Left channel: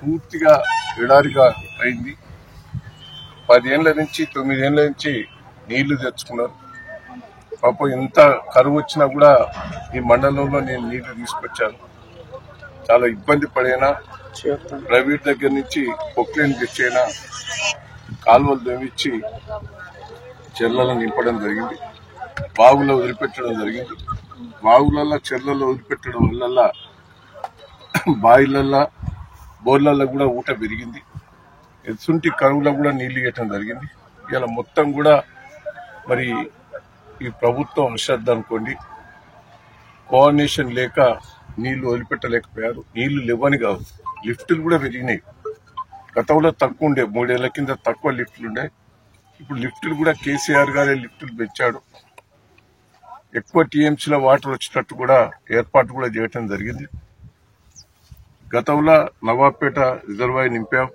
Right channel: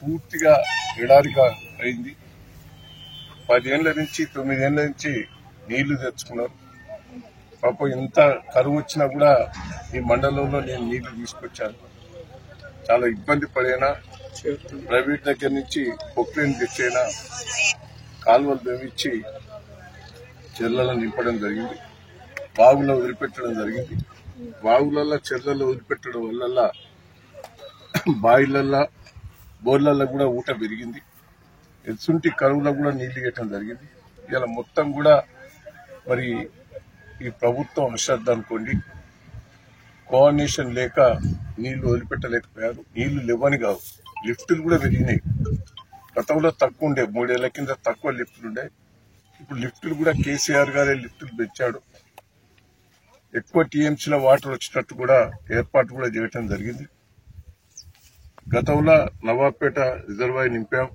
పూర్తిగా ఎడారిగా అయింది. 10 ఏళ్ల నుంచి 9 ఏళ్ల నుంచి నీళ్లు తెచ్చుకున్నారు. పాపం ఎంత కరువు వచ్చినా కూడా ఈ మండలంలో నేను నీళ్లు తీసుకొచ్చాను. చాలా ఇబ్బంది పడైనా ప్రైవేట్ దగ్గర నుంచి పొక్లైన్ తెచ్చైనా కాలువలు తవ్వించి చెర్లలో నింపడం జరిగింది. బావుల్లో వదిలిపెట్టడం జరిగింది. బావులలో చెర్లలో వదిలిపెట్టడం వల్ల బావిలల్లో బోర్లలో కూడా ఊట పెరిగింది. ఎత్తుంటి కరువులో కూడా నీళ్లు ఇవ్వటం జరిగింది. ఇలా మొత్తం కూడా మరి ఈ ప్రభుత్వం అశ్రద్ధ అనుకోండి, కోఆర్డినేషన్ లేక నీళ్లు వదిలిపెట్టలేకపోయారు. నీళ్లు లేవని కాదు, లిఫ్టులు కూడా పెరిగినాయి. గతంలో తక్కువ ఉండే, 3 ఏళ్ల కింద తక్కువ లిఫ్టులు ఉండే. ఇప్పుడు లిఫ్టులు కూడా కేసీఆర్ గారే లిఫ్టులు పెంచాడు. ఎక్కువ టీఎంసీలో వాటర్ వచ్చేటట్టు కూడా ఏర్పాటు కూడా చేయటం జరిగింది. గతంలో నవాబ్పేట రిజర్వాయర్ నింపాం,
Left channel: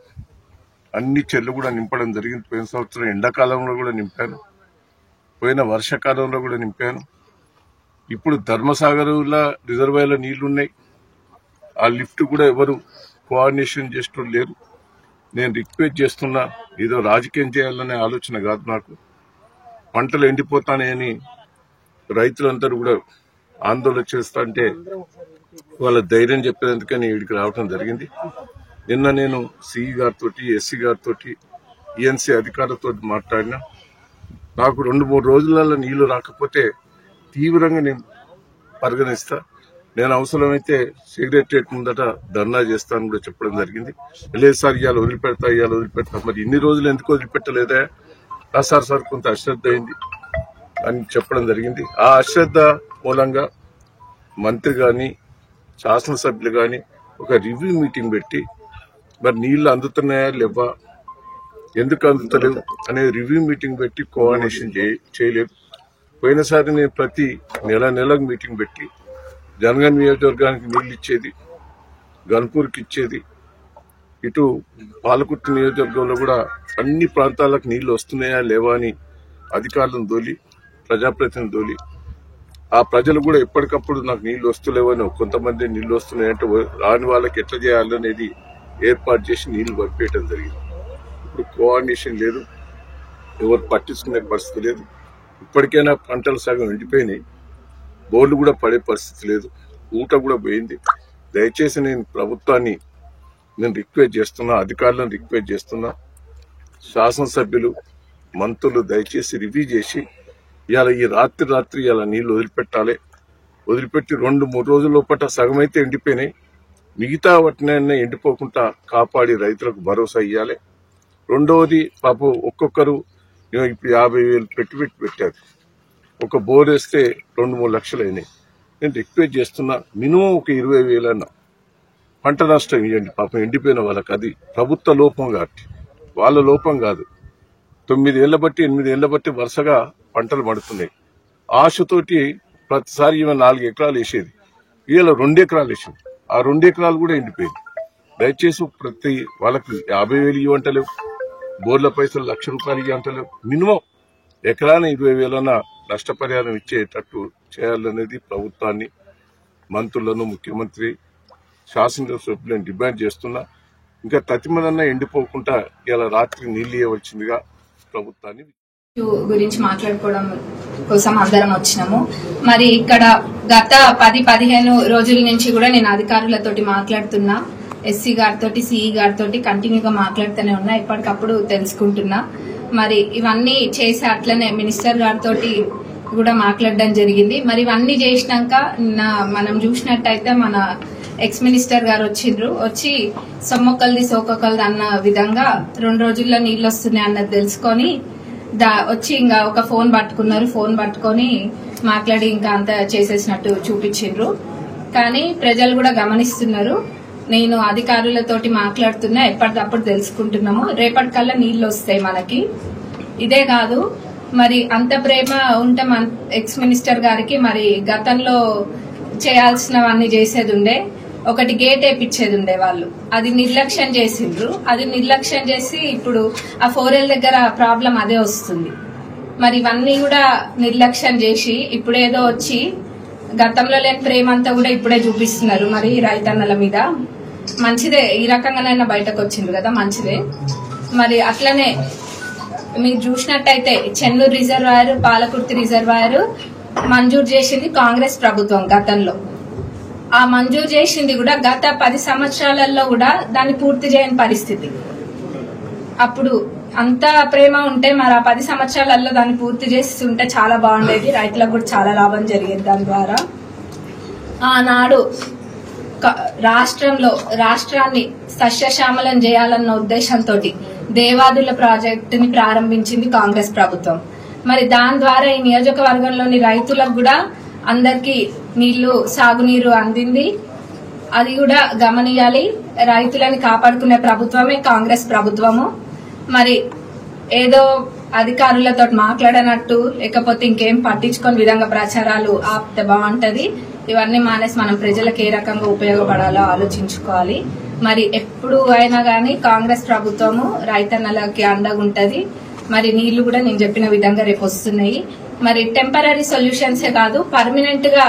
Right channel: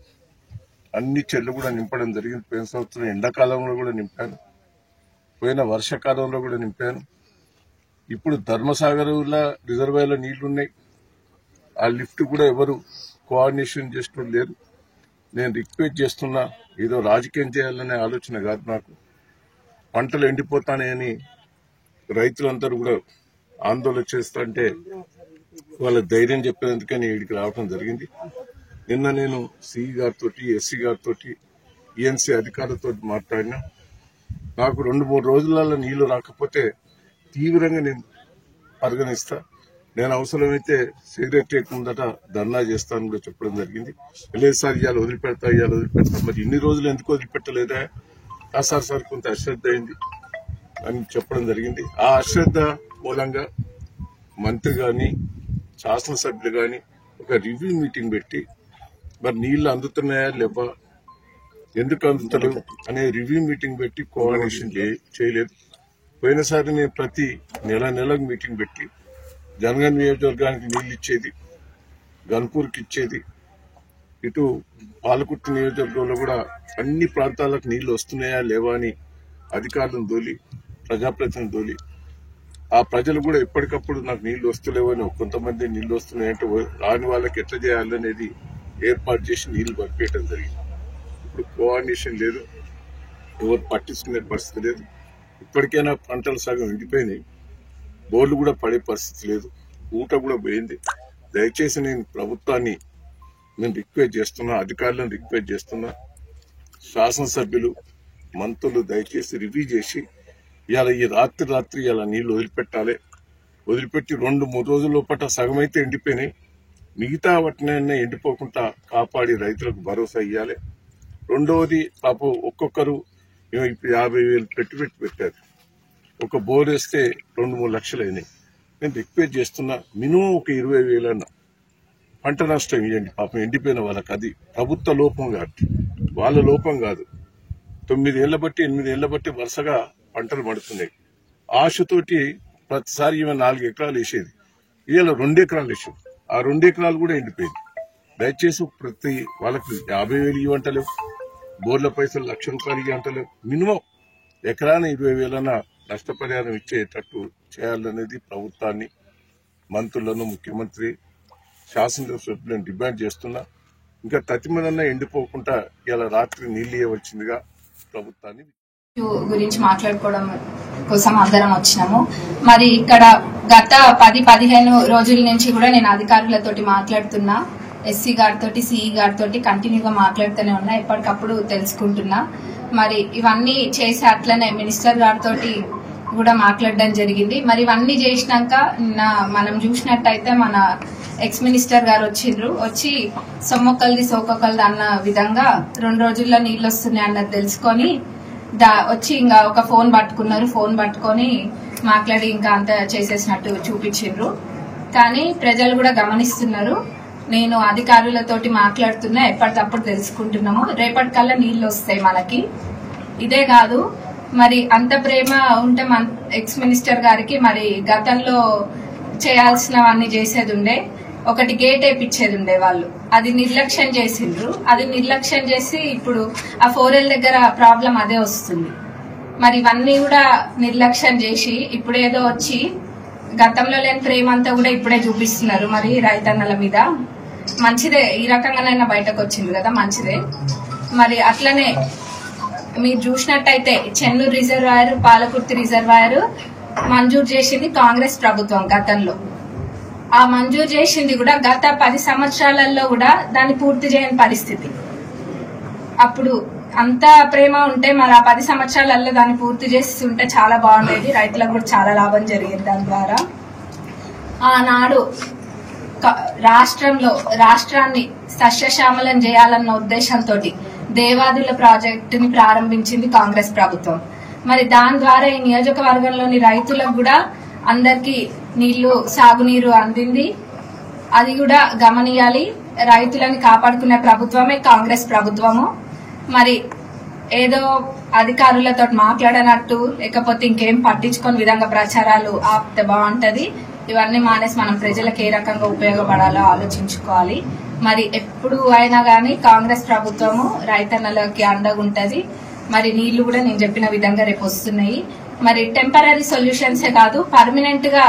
అన్ని చెర్లు కూడా నింపడం జరిగింది. పోయిన సంవత్సరం ఎండాకాలంలో కూడా నింపాను, పోయిన వర్షాకాలంలో కూడా నింపాను. ఇప్పుడు ధర్మసాగర్లో రిజర్వాయర్లో నీళ్లున్నాయి. ఆ లిఫ్ట్ కూడా ఎవరు కోఆర్డినేషన్ చేస్తూ లేరు. నేను రిక్వెస్ట్ చేస్తున్నా, ఏదో రాజకీయం చేయాలనే ఆలోచన కాదు నాకు. పంటలు ఎండిపోతానని రైతులందరూ కూడా ఆందోళన చేస్తా అంటే వాళ్ళ ధైర్యం చెప్పేందుకని ఇక్కడికి రావడం జరిగింది. నిన్న నేను సిఈ గారితో, ఎస్సీ గారితో, ఈఎన్సీ అధికారులతో మాట్లాడినా. నాకు 2-3 రోజులలో నీళ్లు రాకపోతే తీవ్రంగా నేను పరిగణిస్తా. నేను అవసరమైతే సెక్రటరియట్ ముందట ధర్నా చేస్తానని కూడా చెప్పడం జరిగింది. లేదు సార్ ఇవాళ వదిలిపెడతా. మరి ఇన్ని రోజులు ఎందుకు వదిలిపెట్టలేదా? సార్ కొంత అశ్రద్ధ అయింది అని చెప్పడం జరిగింది. ఆ అశ్రద్ధ మూలంగా మంత్రి గాని శాసనసభ్యులు గాని ఒక రివ్యూ మీటింగ్ పెట్టి మరి నీళ్లు అందుతున్నాయా లేవా, ఎందుకు అందుతలేవు అనే రివ్యూ మీటింగ్ పెట్టి కోఆర్డినేషన్ చేయలేదు. పోయినసారి నేను ప్రతి నెలకు మీటింగ్ పెట్టి జనగన్ నియోజకవర్గానికి నీళ్లు ఇచ్చేది, గన్పూర్కి ఇచ్చేది, ఇటు పాలకుర్తి నియోజకవర్గంలో కూడా అన్ని ప్రాంతాలకు నీళ్లు వస్తున్నాయా లేవా అని అధికారులను దోలి, ప్రజాప్రతినిధులను దోలి, ఆ ప్రజలు కూడా ఎప్పటికప్పుడు నాకు నీళ్లు వస్తలేవని, కొంతమంది నీళ్లు వస్తున్నాయంటే రాని వాళ్ళకి ఎట్లా చేయాలనేది ఏర్పాటు చేసి నీళ్లు పంపేయటం జరిగింది. ఇప్పుడు కోఆర్డినేషన్ లేదు, ఎవరు పట్టించుకునే పరిస్థితి లేదు. ఇప్పటికైనా పంటలు సగం ఎండిపోయినాయి, బోర్లు కూడా పడే పరిస్థితి లేదు, ఊట కూడా పోయింది. దయచేసి నేను ప్రభుత్వాన్ని రిక్వెస్ట్ చేస్తున్నా, అధికారులను రిక్వెస్ట్ చేస్తున్నా, శాసనసభ్యులు మంత్రులు దయచేసి రివ్యూ చేసి ఇవాళ ఈ రాత్రి ఇలా నీళ్లు వదిలిపెట్టాలి. వదిలిపెట్టి 2-3 రోజుల లోపల సగం అయితే ఎండిపోయినాయి, మిగతా వాటినైనా ఎండిపోకుండా కాపాడి రైతులకు భరోసా ఇవ్వాలి. రెండవది, పాపం ఒక్కొక్కరు ఇప్పుడు 50,000 పెట్టుబడి పెట్టారు. ఒక బోర్ వేస్తే 2-3 లక్షలు అయినాయి. నేను రిక్వెస్ట్ చేస్తున్నా, మినిమం ఒక 20,000 అన్న పంట నష్టం ఇవ్వండి. పాపం ఎండిపోయిన వాళ్ళకి. అది ప్రభుత్వ లోపం కాబట్టి, వాళ్ళ లోపం కాదు. 9 ఏళ్ల బట్టి 8 ఏళ్ల బట్టి వరుసగా పంటలు పడుతున్నాయి. ఆశతోటి ప్రతిసారి 4 ఎకరాలు వేసేది, ఇవాళ 2 ఎకరాలు వేసేది. ఆ 2 ఎకరాలు కూడా ఎండిపోయింది. దయచేసి ప్రతి వాళ్ళకి 50,000 ఇవ్వంటలేవు, బోర్ల పైసలు 1,00,000 రూపాయలు ఇవ్వంటలేవు. మినిమం ఎకరాన 20,000 నష్టపరిహారం ఇచ్చేటట్టు చేయాలనేది ప్రభుత్వాన్ని, మంత్రులను, ముఖ్యమంత్రి, శాసనసభ్యులను డిమాండ్ చేస్తున్నా. ఇంకా తతిమలన్నా ఎండిపోకుండా ఇలా రాత్రి నీళ్లు ఇవ్వవలసిందిగా ప్రభుత్వాన్ని గురించి మాట్లాడుకోవడం కోసం అందరం వచ్చినాము. మరి ఇక్కడ గత 10-15 రోజుల నుంచి కూడా నేను అధికారులతోటి మాట్లాడుతున్నా, ఎస్సీ గారితో, సిఈ గారితో కంటిన్యూగా మాట్లాడుతూనే ఉన్నా, ఎప్పటికప్పుడు తెలుసుకుంటున్నా. మరి ఇవన్నీ చేసి అట్లనే మినిస్టర్ గారితో కూడా మాట్లాడడం జరిగింది. మరి ఇవన్నీ చేసినాక మనం చూసినట్టయితే మన ఎక్స్ మినిస్టర్ గారు వచ్చి సొమ్మొక్కల్ది సోకొక్కల్ది అన్న విధంగా 2 రోజుల్లో నీళ్లు వస్తున్నాయి అన్నది తెలుసుకొని వచ్చి ఇంకా ఒక ఫోన్ పట్టుకున్నారు. ఫోన్ పట్టుకొని మాట్లాడి ఇంకా అంత చేసేసినట్టు చూపించిండ్రు. కానీ ప్రజలు కూడా గమనిస్తున్నారు. నేను అధికారులతోటి మాట్లాడుతున్నా, ఎప్పటికప్పుడు తెలుసుకుంటున్నాము. రేపటికల్లా నీళ్లు వస్తాయి మనకి. ఇదే కాదు, మరి అంత ప్రేమ ఉంటే ఎక్స్ మినిస్టర్ గారికి మరి గతంలో చేయాల్సినవన్నీ చేసేది ఉండే. ఒకటి గేట్ వేయించేది ఉండే వాళ్ళు, అది నిర్లక్ష్యం చేసిండ్రు. అది నిర్లక్ష్యం చేసి ఇప్పుడు ఆ 4L దగ్గర ప్రాబ్లం అదే వస్తుంది. మరి ఇవన్నీ కూడా నిర్లక్ష్యం చేసి ఇప్పుడేదో వచ్చి గతంలో లేని ప్రేమ అంతా కూడా ఇప్పుడే చూపిస్తున్నారు మరి రైతన్నల మీద. మంచిదే, ఈ రకంగానైనా బయటకు వచ్చింది కదా, మంచిదే. మరి అట్లనే మీరు చూసినట్టయితే చెన్నూరు రిజర్వాయర్, పాలకుర్తి రిజర్వాయర్ మంజూరు చేసింది కాంగ్రెస్ ప్రభుత్వం గతంలో. ఆ మంజూరు చేసింది కూడా గత 10 సంవత్సరాలలో కూడా దాన్ని పూర్తి చేయని పరిస్థితి. అప్పుడు అంత ప్రేమ ఉంటే మరి ఆ 10 సంవత్సరాలలో దాన్ని పూర్తి చేసి ఉంటే చాలా బాగుండేది, రైతులకు కూడా చాలా లాభం జరిగేది దాని ద్వారా. ఆనాడు రాష్ట్రాన్ని సస్యశ్యామలం చేయాలన్న ఉద్దేశంతో దేవాదుల ప్రాజెక్టుని ప్రారంభించింది కాంగ్రెస్ ప్రభుత్వం. మరి దాని ద్వారా ఈ నియోజకవర్గంలోని రైతులకు కూడా అందరికీ సాగునీరు అందింది. అది కూడా గమనియాలి. రైతులని కాపాడుకునే ప్రభుత్వమే కాంగ్రెస్ ప్రభుత్వము. మరి ఏదో అధికారులతో మాట్లాడనట్టు లేకపోతే ఇంకేం పట్టించుకొని విధంగా ప్రచారాలు ఆపితే బాగుంటది. ఇవన్నీ మానేసి మనం ప్రజలకు ఏ రకంగా ఉపయోగపడాలో ఆలోచించుకోవాలి. మరి ఎప్పుడు అయినా గానీ కాంగ్రెస్ ప్రభుత్వము రైతన్నలకి అండగా ఉంటది. మరి నీళ్లు కూడా నేను చెప్పిన విధంగా రేపు వస్తున్నాయి. మరి టెంపరీ సొల్యూషన్సే కాదు, పర్మనెంట్ గా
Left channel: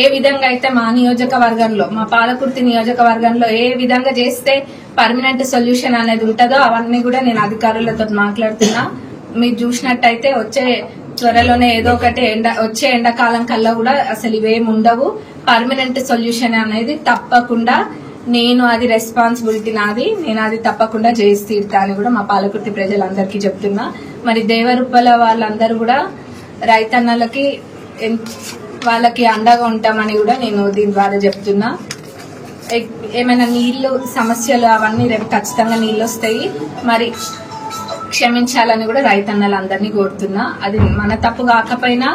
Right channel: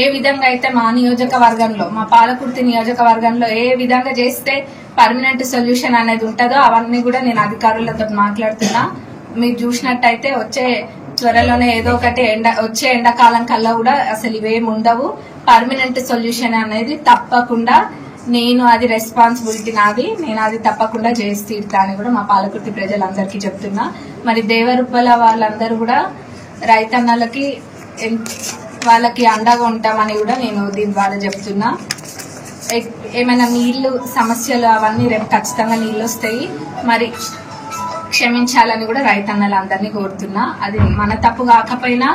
ఏ విధంగా అయితే మా నియోజకవర్గంలో, మా పాలకుర్తి నియోజకవర్గంలో ఏ విధంగా చేస్తే పర్మనెంట్ సొల్యూషన్ అనేది ఉంటుందో అవన్నీ కూడా నేను అధికారులతో మాట్లాడుతున్నా. మీరు చూసినట్టయితే త్వరలోనే ఏదో ఒకటి వచ్చే ఎండాకాలం కల్లా కూడా అసలు ఇవేమి ఉండవు. పర్మనెంట్ సొల్యూషన్ అనేది తప్పకుండా అది రెస్పాన్సిబిలిటీ నాది, నేను అది తప్పకుండా చేసి తీరుతా అని కూడా మా పాలకుర్తి ప్రజలందరికీ చెప్తున్నా. మరి దేవరుప్పల వాళ్ళందరూ కూడా రైతన్నలకి వాళ్ళకి అండగా ఉంటామని కూడా నేను దీని ద్వారా చెప్తున్నా. ఏమైనా నీళ్లు సమస్యలు అవన్నీ రేపు ఖచ్చితంగా నీళ్లు వస్తాయి. మరి క్షమించాలని కూడా రైతన్నలందరినీ కోరుతున్నా. అది మన తప్పు కాకపోయినా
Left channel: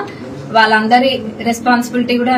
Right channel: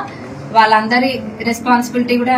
వాళ్ళందరి రెస్పాన్సిబిలిటీ కూడా